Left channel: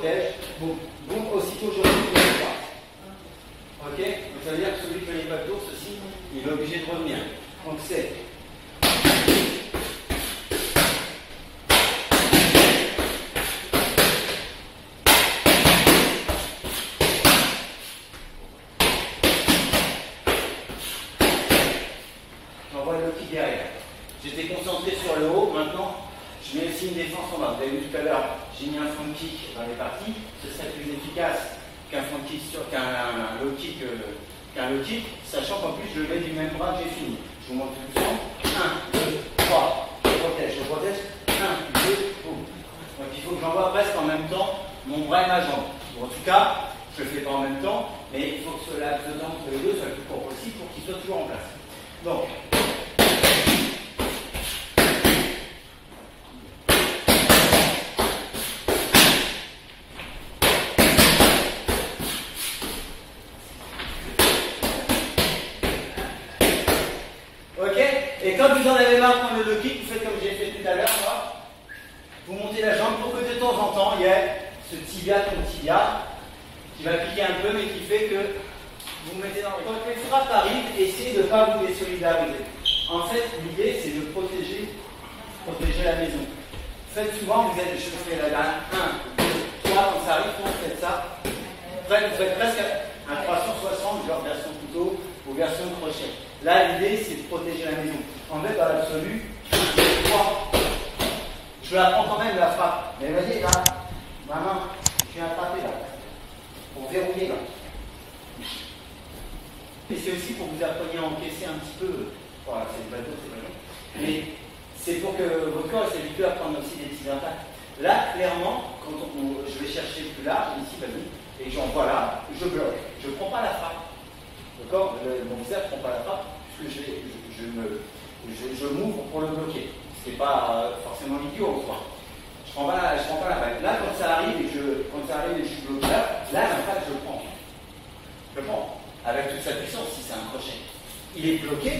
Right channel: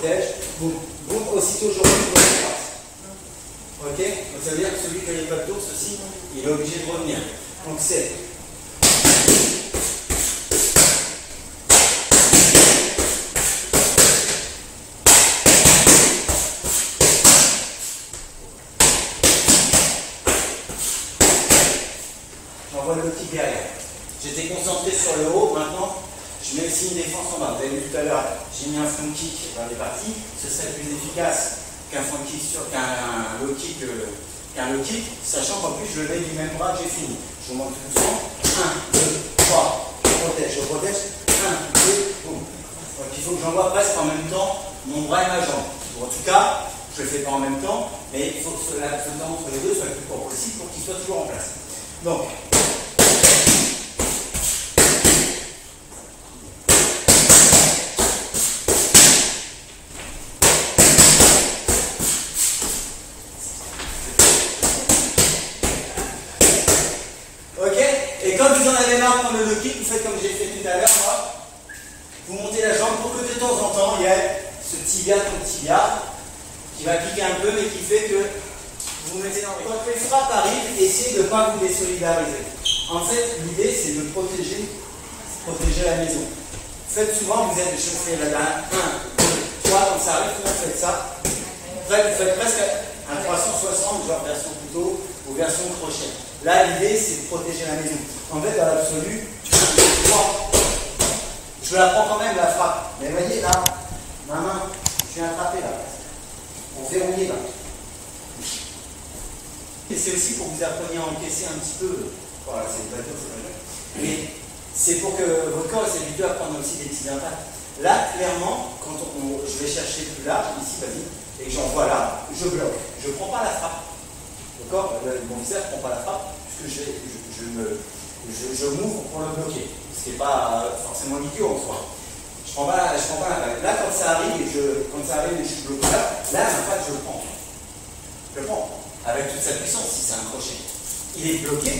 protège, boum, boum, aussitôt je retrouve la droite. Ok? Donc ça veut dire que celui qui n'a pas de tour, ceci, il est obligé de revenir. Donc c'est. J'envoie le kick derrière. J'étais concentré sur le haut, maintenant je mets aussi une défense en bas. Vous avez vu tout à l'heure, j'ai mis un front kick dans les parties, ce serait plus efficace qu'un front kick qu'un low kick, sachant qu'en plus je le mets du même bras que j'ai fini. Je vous montre tout doucement. 1, 2, 3, je protège, 1, 2, boum. Donc il faut que j'envoie presque en même temps mon bras et ma jambe. Bon, en tout cas, je ne le fais pas en même temps, mais il faut que ce laps de temps entre les deux soit le plus court possible pour qu'il soit toujours en place. Donc, et quand vous en avez marre de prendre le low kick, vous faites comme j'ai fait tout à l'heure, vous montez la jambe pour que de temps en temps, il y ait ce tibia contre tibia qui va piquer un peu, mais qui fait que vous vous mettez dans les... Quand les frappes arrivent, essayez de ne pas vous désolidariser. En fait, l'idée, c'est de protéger la maison. Faites souvent, je fais la dernière, 1, 2, 3, quand ça arrive, souvent faites ça. Après, vous faites presque un 360, genre version couteau ou version crochet. Là, l'idée, c'est de protéger la maison. En fait, dans l'absolu, je la prends quand même, la frappe. Mais vous voyez, là, ma main, je suis attrapé là, pour verrouiller là. Et c'est aussi pour que vous appreniez à encaisser un petit peu. Voilà, c'est pas long. Mais c'est pour que votre corps s'habitue à prendre aussi des petits impacts. Là, clairement, quand je vais chercher plus large, ici, vas-y, et j'envoie là, je bloque. Je ne prends pas la frappe. D'accord? Mon visage ne prend pas la frappe, puisque je m'ouvre pour le bloquer. Ce qui n'est pas forcément idiot en soi. Je ne prends pas la balle. Là, quand ça arrive et je suis bloqué là, en fait, je le prends. Je le prends. Avec toute sa puissance, si c'est un crochet. Il est bloqué,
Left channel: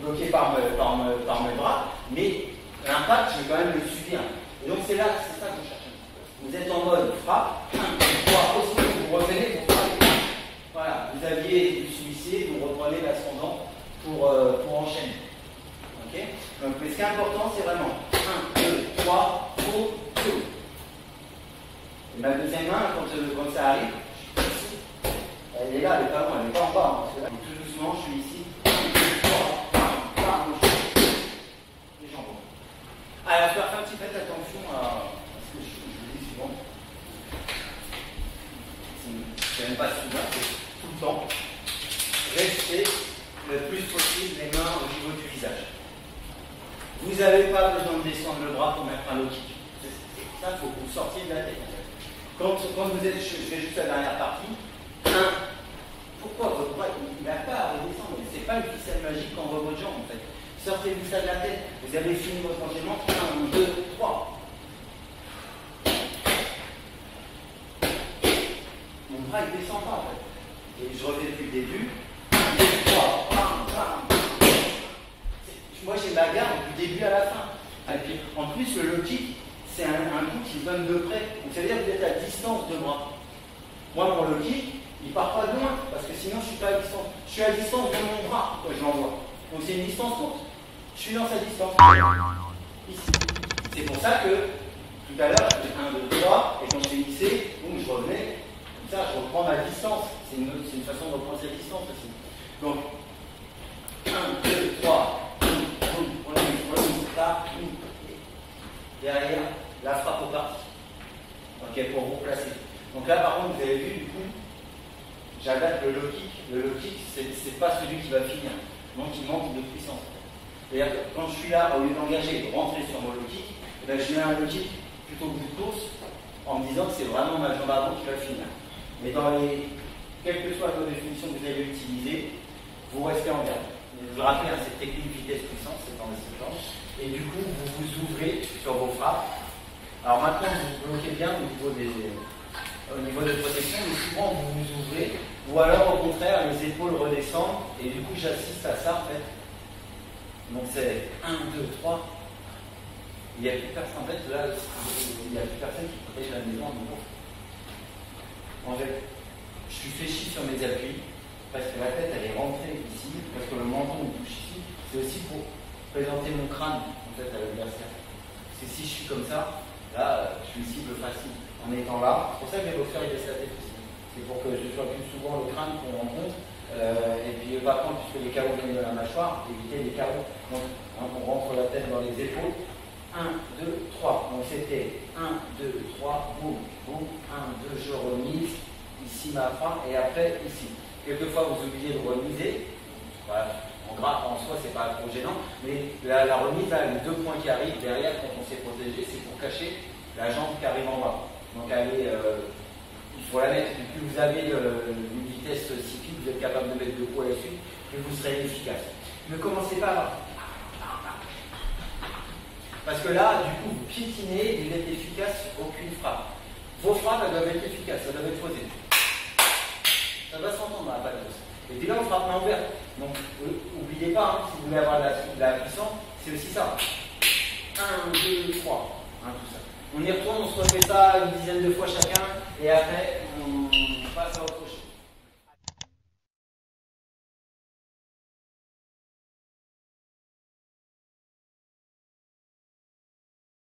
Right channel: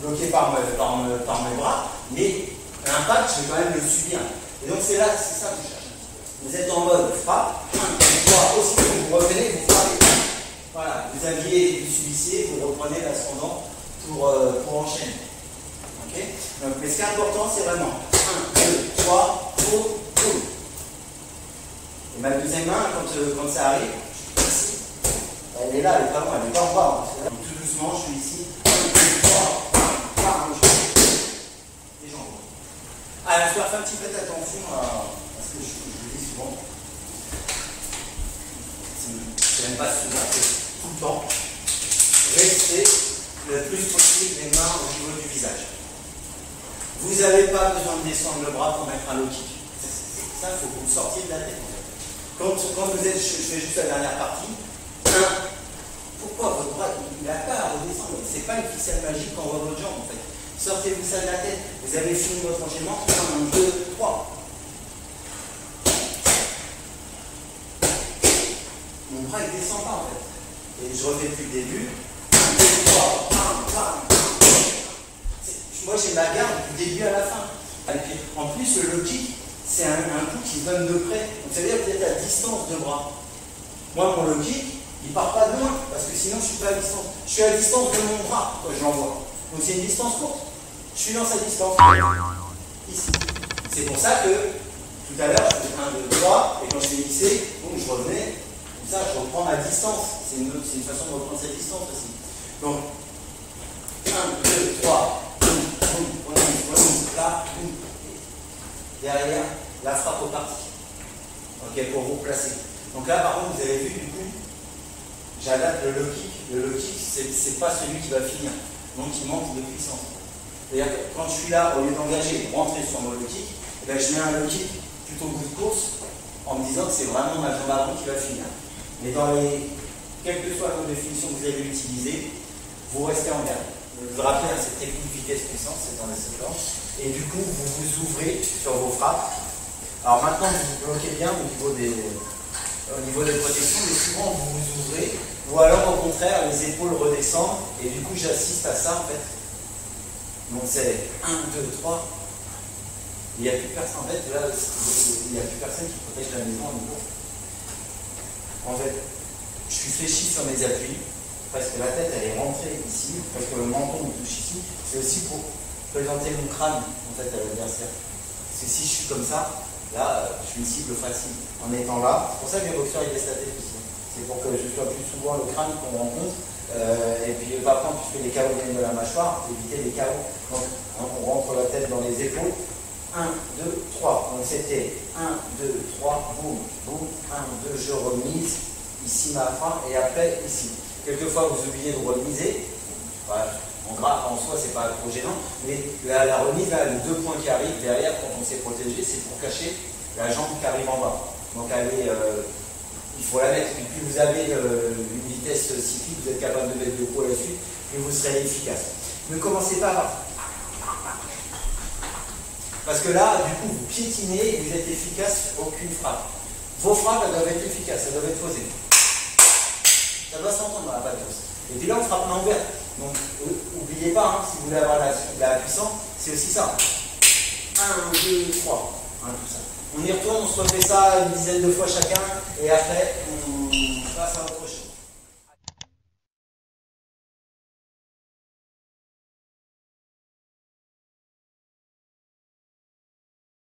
bloqué par mes bras, mais l'impact, je vais quand même le subir. Et donc, c'est ça que je cherche un petit peu. Vous êtes en mode frappe, 1, 2, 3, aussi, vous revenez, vous frappez. Voilà, vous subissez, vous reprenez l'ascendant pour enchaîner. Ok? Donc, mais ce qui est important, c'est vraiment 1, 2, 3, boum, boum. Et ma deuxième main, quand ça arrive, ici, elle est là, elle n'est pas loin, elle n'est pas en bas. Hein. Tout doucement, je suis ici. 1, 2, 3, bam, les jambes. Alors, je dois faire un petit peu attention parce que je le dis souvent. C'est même pas souvent, c'est tout le temps. Restez le plus possible les mains au niveau du visage. Vous n'avez pas besoin de descendre le bras pour mettre un low kick. Ça, il faut que vous sortiez de la tête en fait. Quand vous êtes, je fais juste la dernière partie. Pourquoi votre bras il n'a pas à redescendre? Ce n'est pas une ficelle magique qu'on voit votre jambe en fait. Sortez-vous ça de la tête. Vous avez fini votre enchaînement. 1, 2, 3. Mon bras il ne descend pas en fait. Et je refais depuis le début. 1, 2, 3. Moi j'ai ma garde du début à la fin. Et puis en plus le low kick, c'est un coup qui donne de près. Donc ça veut dire que vous êtes à distance de bras. Moi mon low kick, il ne part pas de loin, parce que sinon je ne suis pas à distance. Je suis à distance de mon bras quand je l'envoie. Donc c'est une distance courte. Je suis dans sa distance. Ici. C'est pour ça que tout à l'heure, je faisais 1, 2, 3, et quand je l'ai hissé, je revenais, comme ça je reprends ma distance. C'est une façon de reprendre cette distance aussi. Donc 1, 2, 3, là, derrière, la frappe au parti. Ok, pour vous placer. Donc là par contre, vous avez vu du coup, j'adapte le low kick. Le low kick, c'est pas celui qui va finir. Donc il manque de puissance. C'est-à-dire que quand je suis là, au lieu d'engager, de rentrer sur mon low kick, eh bien, je mets un low kick plutôt bout de course en me disant que c'est vraiment ma jambe avant qui va finir. Mais dans quelle que soit la définition que vous allez utiliser, vous restez en garde. Je vous rappelle, cette technique vitesse-puissance, c'est dans les séquences. Et du coup, vous vous ouvrez sur vos frappes. Alors maintenant, vous bloquez bien au niveau des protections, mais souvent vous vous ouvrez, ou alors au contraire, les épaules redescendent, et du coup, j'assiste à ça en fait. Donc c'est 1, 2, 3. Il n'y a plus personne. En fait, là, il n'y a plus personne qui protège la maison à nouveau. En fait, je suis fléchi sur mes appuis, parce que la tête, elle est rentrée ici, parce que le menton me touche ici. C'est aussi pour présenter mon crâne, en fait, à l'adversaire. Parce que si je suis comme ça, là, je suis une cible facile. En étant là, c'est pour ça que les boxeurs, ils baissent la tête aussi. C'est pour que je sois plus souvent le crâne qu'on rencontre. Et puis, pas prendre, puisque les carreaux viennent de la mâchoire, éviter les carreaux. Donc, on rentre la tête dans les épaules. 1, 2, 3. Donc c'était 1, 2, 3, boum, boum, 1, 2, je remise, ici ma frappe, et après ici. Quelquefois vous oubliez de remiser, voilà, en soi c'est pas trop gênant, mais la remise, là, les 2 points qui arrivent derrière quand on s'est protégé, c'est pour cacher la jambe qui arrive en bas. Donc il faut la mettre, et plus vous avez une vitesse cyclique, vous êtes capable de mettre le coup à la suite, plus vous serez efficace. Ne commencez pas à... Parce que là, du coup, vous piétinez, vous êtes efficace, aucune frappe. Vos frappes, elles doivent être efficaces, elles doivent être posées. Ça doit s'entendre dans la patos. Et puis là, on frappe main ouverte. Donc, n'oubliez pas, hein, si vous voulez avoir la puissance, c'est aussi ça. 1, 2, 3. Hein, tout ça. On y retourne, on se refait ça une dizaine de fois chacun, et après,